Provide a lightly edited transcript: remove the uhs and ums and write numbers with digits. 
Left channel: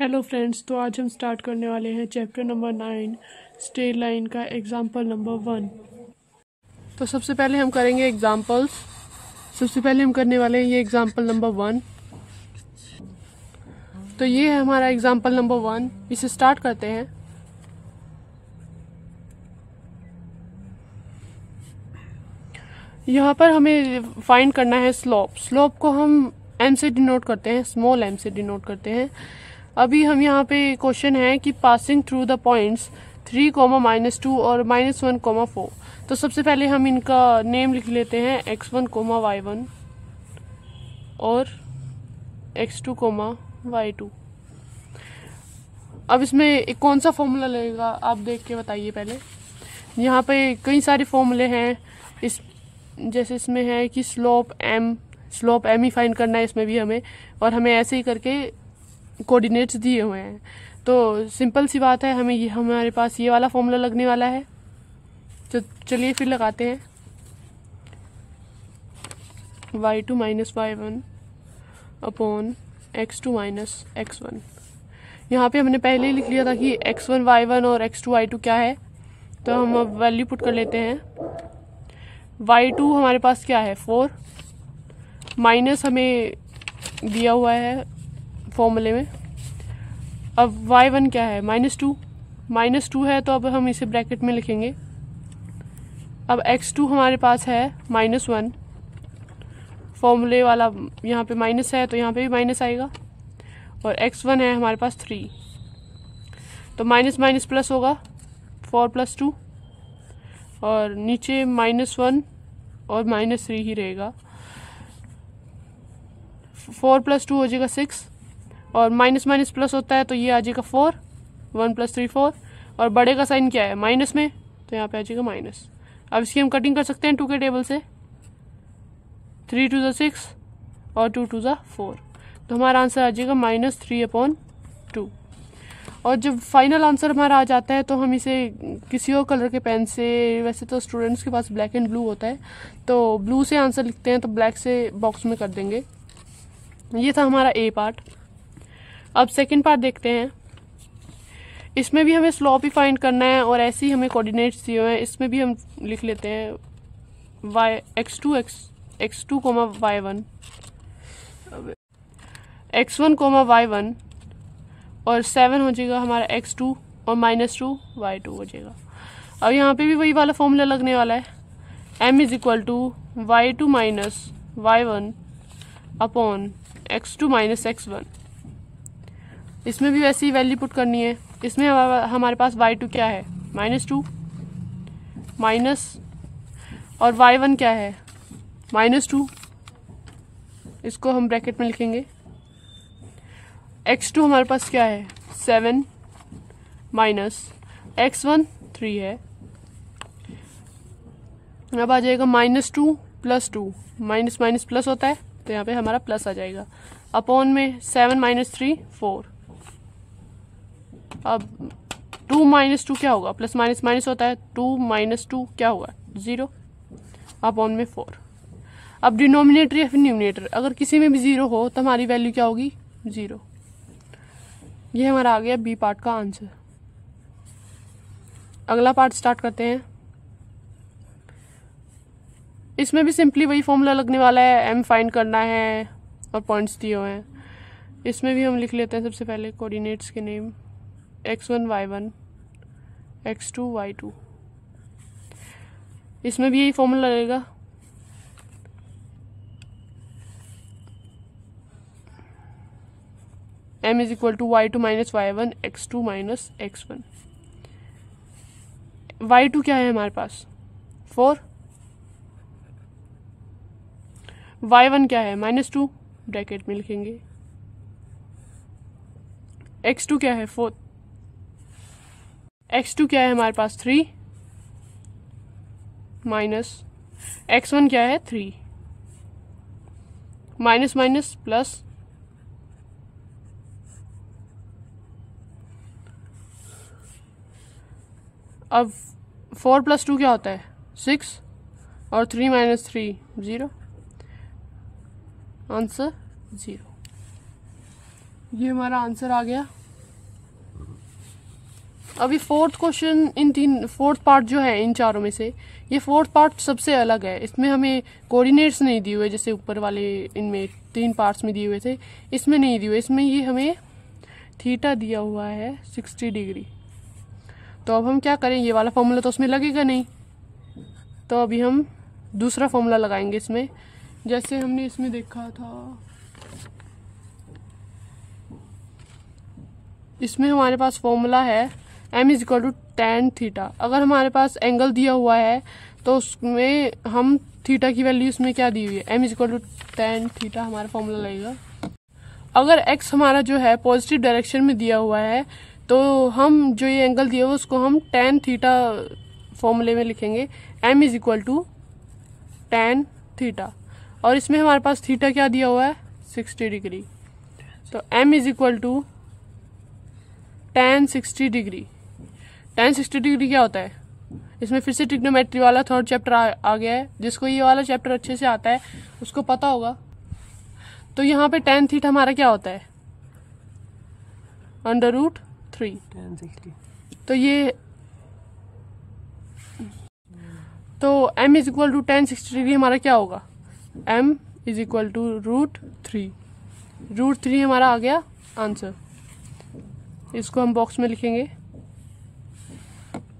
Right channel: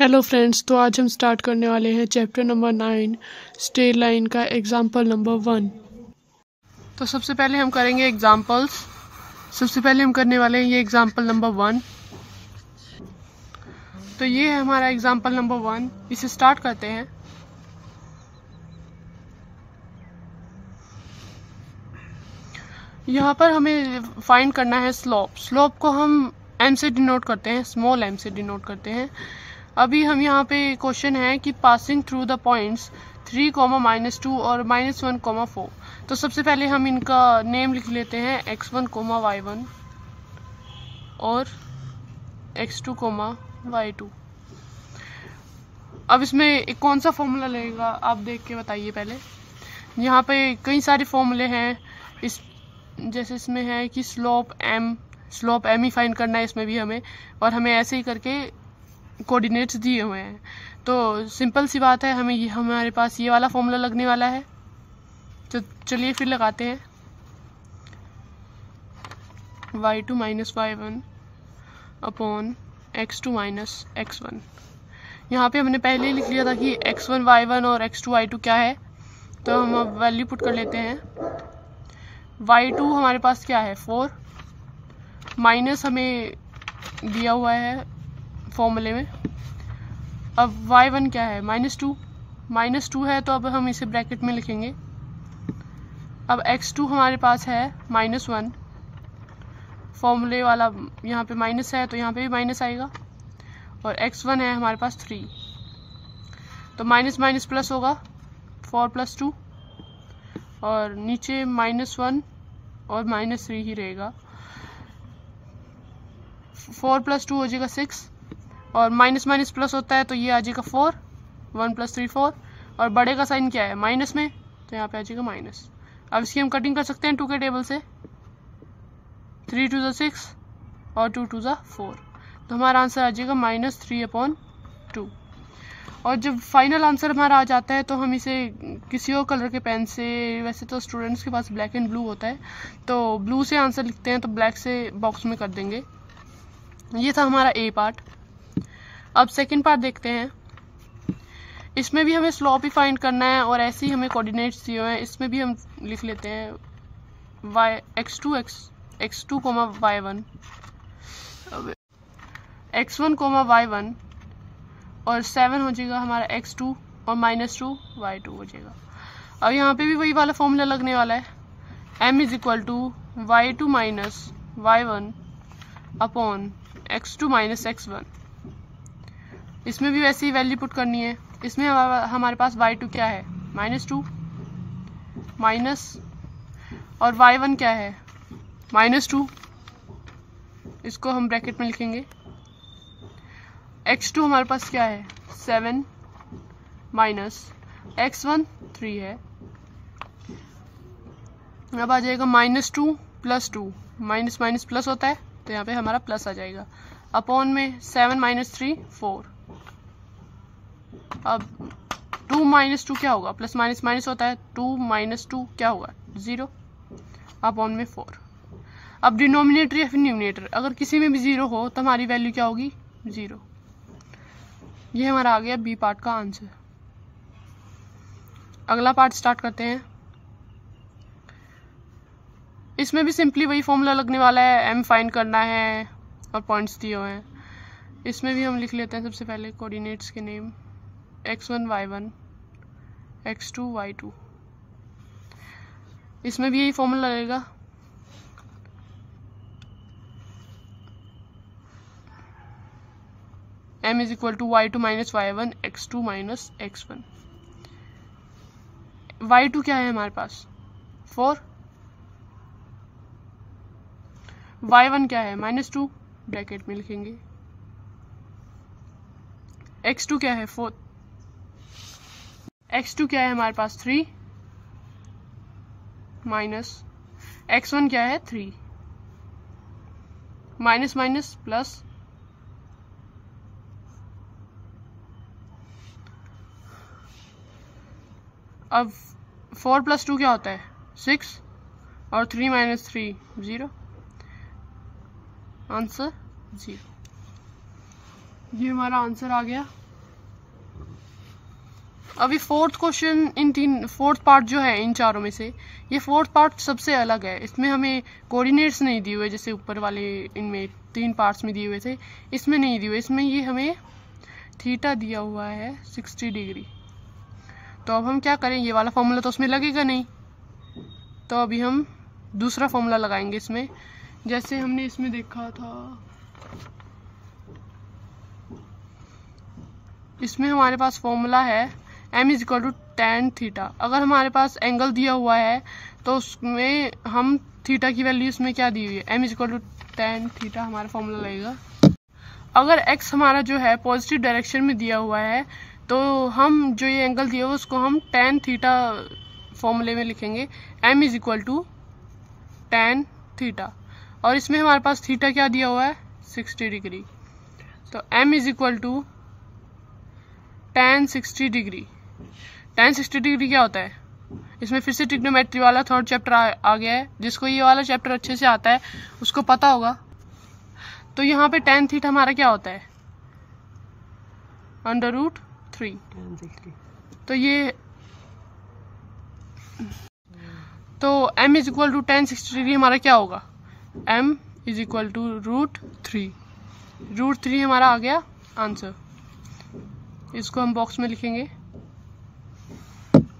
Hello friends, तो आज हम स्टार्ट करने वाले हैं चैप्टर नंबर 9 स्ट्रेट लाइन का एग्जांपल नंबर 1। तो सबसे पहले हम करेंगे एग्जांपल्स। सबसे पहले हम करने वाले हैं ये एग्जांपल नंबर 1। तो ये है हमारा एग्जांपल नंबर 1। इसे स्टार्ट करते हैं। यहाँ पर हमें फाइंड करना है स्लोप। स्लोप को हम एम से डिनोट करते हैं, स्मॉल एम से डिनोट करते हैं। अभी हम यहाँ पे क्वेश्चन है कि पासिंग थ्रू द पॉइंट्स 3, -2 और -1, 4। तो सबसे पहले हम इनका नेम लिख लेते हैं x1, y1 और x2, y2। अब इसमें कौन सा फॉर्मूला लगेगा आप देख के बताइए पहले। यहाँ पे कई सारे फॉर्मूले हैं। जैसे इसमें है कि स्लोप एम ही फाइंड करना है इसमें भी हमें, और हमें ऐसे ही करके कोऑर्डिनेट्स दिए हुए हैं। तो सिंपल सी बात है, हमारे पास ये वाला फॉर्मूला लगने वाला है। तो चलिए फिर लगाते हैं y2 - y1 upon x2 - x1। यहाँ पे हमने पहले ही लिख लिया था कि x1 y1 और x2 y2 क्या है। तो हम अब वैल्यू पुट कर लेते हैं। y2 हमारे पास क्या है 4, माइनस हमें दिया हुआ है फॉर्मूले में। अब y1 क्या है -2 है, तो अब हम इसे ब्रैकेट में लिखेंगे। अब x2 हमारे पास है -1, फॉर्मूले वाला यहाँ पे माइनस है तो यहाँ पे भी माइनस आएगा। और x1 है हमारे पास 3, तो माइनस माइनस प्लस होगा 4 + 2, और नीचे -1 और -3 ही रहेगा। 4 + 2 हो जाएगा 6, और माइनस माइनस प्लस होता है तो ये आ जाएगा 4, 1 + 3 4, और बड़े का साइन क्या है माइनस में, तो यहाँ पे आ जाएगा माइनस। अब इसकी हम कटिंग कर सकते हैं 2 के टेबल से। 3 × 2 = 6 और 2 × 2 = 4, तो हमारा आंसर आ जाएगा -3/2। और जब फाइनल आंसर हमारा आ जाता है तो हम इसे किसी और कलर के पेन से, वैसे तो स्टूडेंट्स के पास ब्लैक एंड ब्लू होता है, तो ब्लू से आंसर लिखते हैं तो ब्लैक से बॉक्स में कर देंगे। ये था हमारा ए पार्ट। अब सेकंड पार्ट देखते हैं। इसमें भी हमें स्लोप ही फाइंड करना है और ऐसे ही हमें कोऑर्डिनेट्स दिए हुए हैं। इसमें भी हम लिख लेते हैं x2, y1 x1, y1 और 7 हो जाएगा हमारा x2 और -2 y2 हो जाएगा। अब यहाँ पे भी वही वाला फॉर्मूला लगने वाला है, m = y2 - y1 upon x2 - x1। इसमें भी वैसी ही वैल्यू पुट करनी है। इसमें हमारे पास y2 क्या है -2 माइनस, और y1 क्या है -2, इसको हम ब्रैकेट में लिखेंगे। x2 हमारे पास क्या है 7 माइनस x1 3 है। अब आ जाएगा -2 + 2, माइनस माइनस प्लस होता है तो यहाँ पे हमारा प्लस आ जाएगा। अपॉन में 7 - 3 4। अब 2 - 2 क्या होगा, प्लस माइनस माइनस होता है, 2 - 2 क्या होगा 0, अपॉन में 4। अब डिनोमिनेटर या फिर न्यूमिनेटर अगर किसी में भी 0 हो तो हमारी वैल्यू क्या होगी 0। ये हमारा आ गया बी पार्ट का आंसर। अगला पार्ट स्टार्ट करते हैं। इसमें भी सिंपली वही फॉर्मूला लगने वाला है, एम फाइंड करना है और पॉइंट्स दिए हुए हैं। इसमें भी हम लिख लेते हैं सबसे पहले कोऑर्डिनेट्स के name x1 y1 x2 y2। इसमें भी यही फॉर्मूला लगेगा। m = y2 - y1 x2 - x1। y2 क्या है हमारे पास 4, y1 क्या है -2, ब्रैकेट में लिखेंगे। x2 क्या है 4, x2 क्या है हमारे पास 3 माइनस x1 क्या है 3, माइनस माइनस प्लस, अब 4 + 2 क्या होता है 6, और 3 - 3 0, आंसर 0। ये हमारा आंसर आ गया। अभी फोर्थ क्वेश्चन फोर्थ पार्ट जो है इन चारों में से, ये फोर्थ पार्ट सबसे अलग है। इसमें हमें कोऑर्डिनेट्स नहीं दिए हुए, जैसे ऊपर वाले इनमें 3 पार्ट्स में दिए हुए थे, इसमें नहीं दिए हुए। इसमें ये हमें थीटा दिया हुआ है 60 डिग्री। तो अब हम क्या करें, ये वाला फॉर्मूला तो उसमें लगेगा नहीं, तो अभी हम दूसरा फॉर्मूला लगाएंगे इसमें। जैसे हमने इसमें देखा था, इसमें हमारे पास फॉर्मूला है m is equal to tan theta. अगर हमारे पास एंगल दिया हुआ है तो उसमें हम थीटा की वैल्यू इसमें क्या दी हुई है, m is equal to tan theta हमारा फॉर्मूला लगेगा। अगर x हमारा जो है पॉजिटिव डायरेक्शन में दिया हुआ है तो हम जो ये एंगल दिया हुआ है उसको हम tan थीटा फॉर्मूले में लिखेंगे, m is equal to tan theta. और इसमें हमारे पास थीटा क्या दिया हुआ है 60 डिग्री, तो m is equal to tan 60 degree. tan 60 degree क्या होता है, इसमें फिर से ट्रिग्नोमेट्री वाला थर्ड चैप्टर आ गया है। जिसको ये वाला चैप्टर अच्छे से आता है उसको पता होगा। तो यहाँ पे tan थीटा हमारा क्या होता है √3। तो ये तो m is equal to tan 60 degree हमारा क्या होगा, m इज इक्वल टू √3 हमारा आ गया आंसर। इसको हम बॉक्स में लिखेंगे।